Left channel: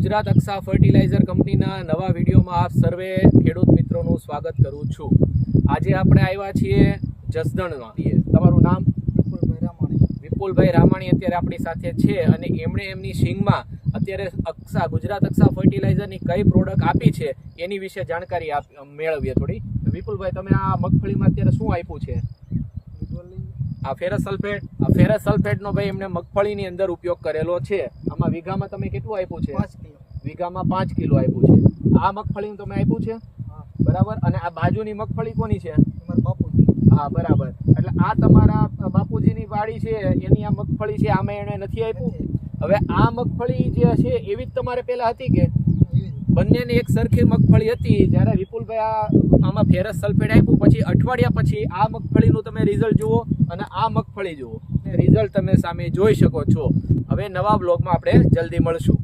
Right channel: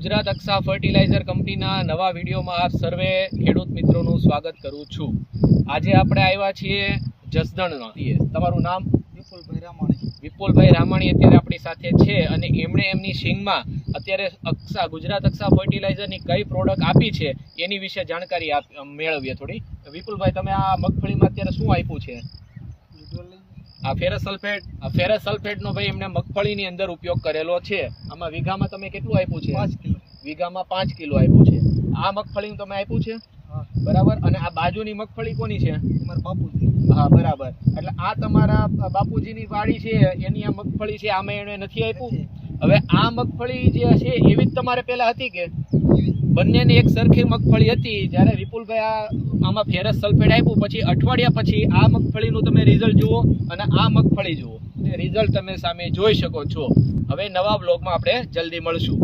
Gujarat અક્ષા fertiliser કંપનીના નવા વિડીયોમાં આપ સર્વે ખેડૂત મિત્રોનું સ્વાગત કરું છું। આજે આપણે આવ્યા છીએ જસદણમાં। તમારું નામ? વિપુલભાઈ રામાણી। વિપુલભાઈ રામાણી અત્યારે આપણી સાથે છે અને એમણે એમની સિંગમાં અત્યારે ગુજરાત અક્ષા ફર્ટિલાઇઝરની કઈ પ્રોડક્ટ આપી છે એની વિશે જાણકારી મેળવીએ થોડી। વિપુલભાઈ, તમે આ મગફળીમાં અત્યારે શું આપ્યું છે? આ ફેરસ સલ્ફેટનો ભાઈ એમને મગફળીની અંદર ઉપયોગ કરેલો છે। આમાં વીઘામાં તમે કેટલું આપ્યું છે? 5 કિલો। વીઘામાં 5 કિલો આપ્યું છે। આ મગફળીનું તમે આપ્યું છે? હા, બરાબર। અને આ બાજુની મગફળી કોની છે? તમારા બાપુજી। હા, બરાબર। એટલે આ તમારા બાપુજીની વાડી છે, એની આ મગફળી છે, આમાં એને નથી આપ્યું? હવે આ મગફળી જે છે એવી જ તમારે પહેલા હતી કે બંનેની એક સરખી મગફળી હતી? જ્યારે વિપુલભાઈ આમાં ફેરસ સલ્ફેટ આપ્યું પછી અઠવાડિયા પછી આ મગફળીનું તમે રિઝલ્ટ જુઓ અને આ મગફળી જુઓ, રિઝલ્ટ તમે સામે જોઈ શકો છો। હવે નવા બ્લોગમાં આપણે જલ્દી મળશું।